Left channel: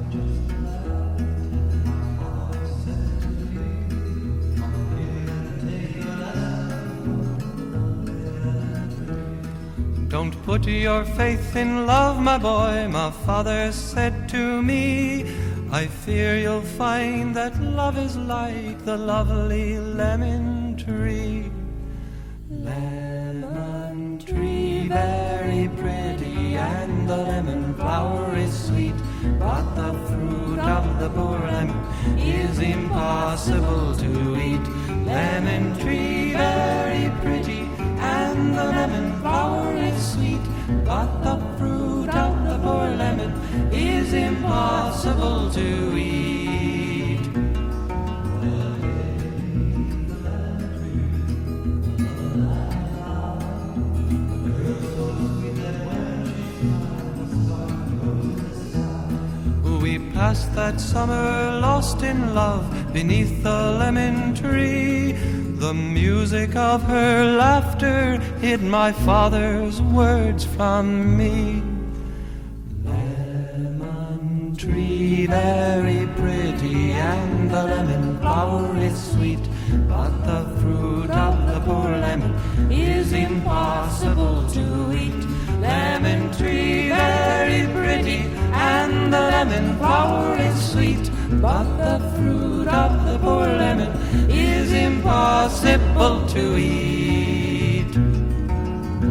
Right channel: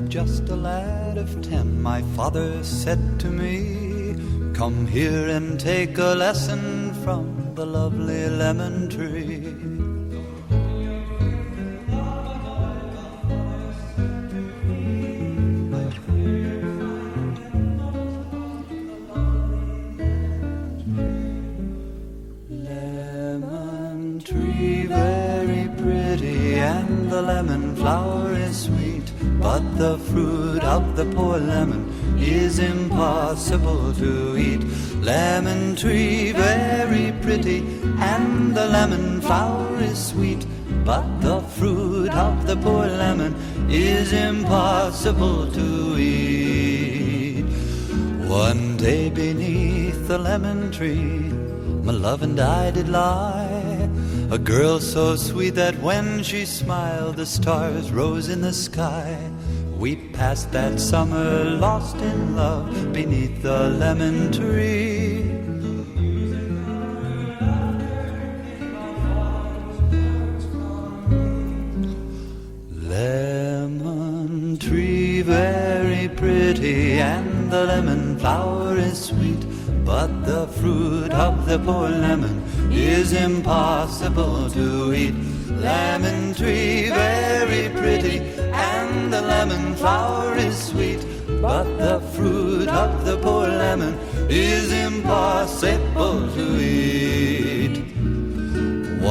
was just a lad of 10, my father said to me, "Come here and take a lesson from the lovely lemon tree." "Don't put your faith in love, my boy," my father said to me. "I fear you'll find that love is like the lovely lemon tree." Lemon tree, very pretty, and the lemon flower is sweet, but the fruit of the poor lemon is impossible to eat. Lemon tree, very pretty, and the lemon flower is sweet, but the fruit of the poor lemon is impossible to eat. One day beneath the lemon tree, my love and I did lie, a girl so sweet that when she smiled the stars rose in the sky. We passed that summer lost in love beneath the lemon tree. The music of her laughter hid my father's words from me. Lemon tree, very pretty, and the lemon flower is sweet, but the fruit of the poor lemon is impossible to eat. Lemon tree, very pretty, and the lemon flower is sweet, but the fruit of the poor lemon is impossible to eat.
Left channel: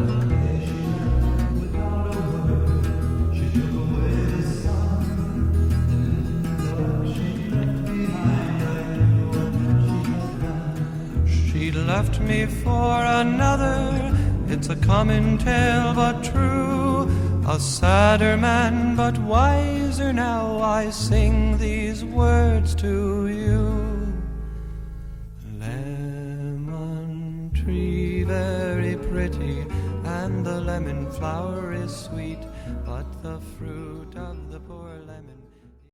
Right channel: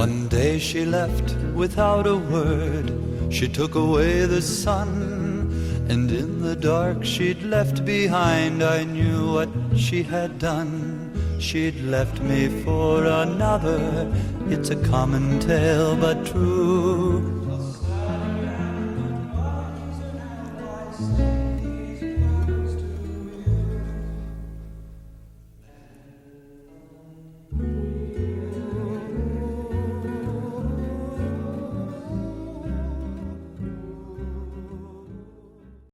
One day she left without a word. She took away the sun, and in the dark she'd left behind, I knew what she had done. She'd left me for another, it's a common tale but true. A sadder man but wiser now I sing these words to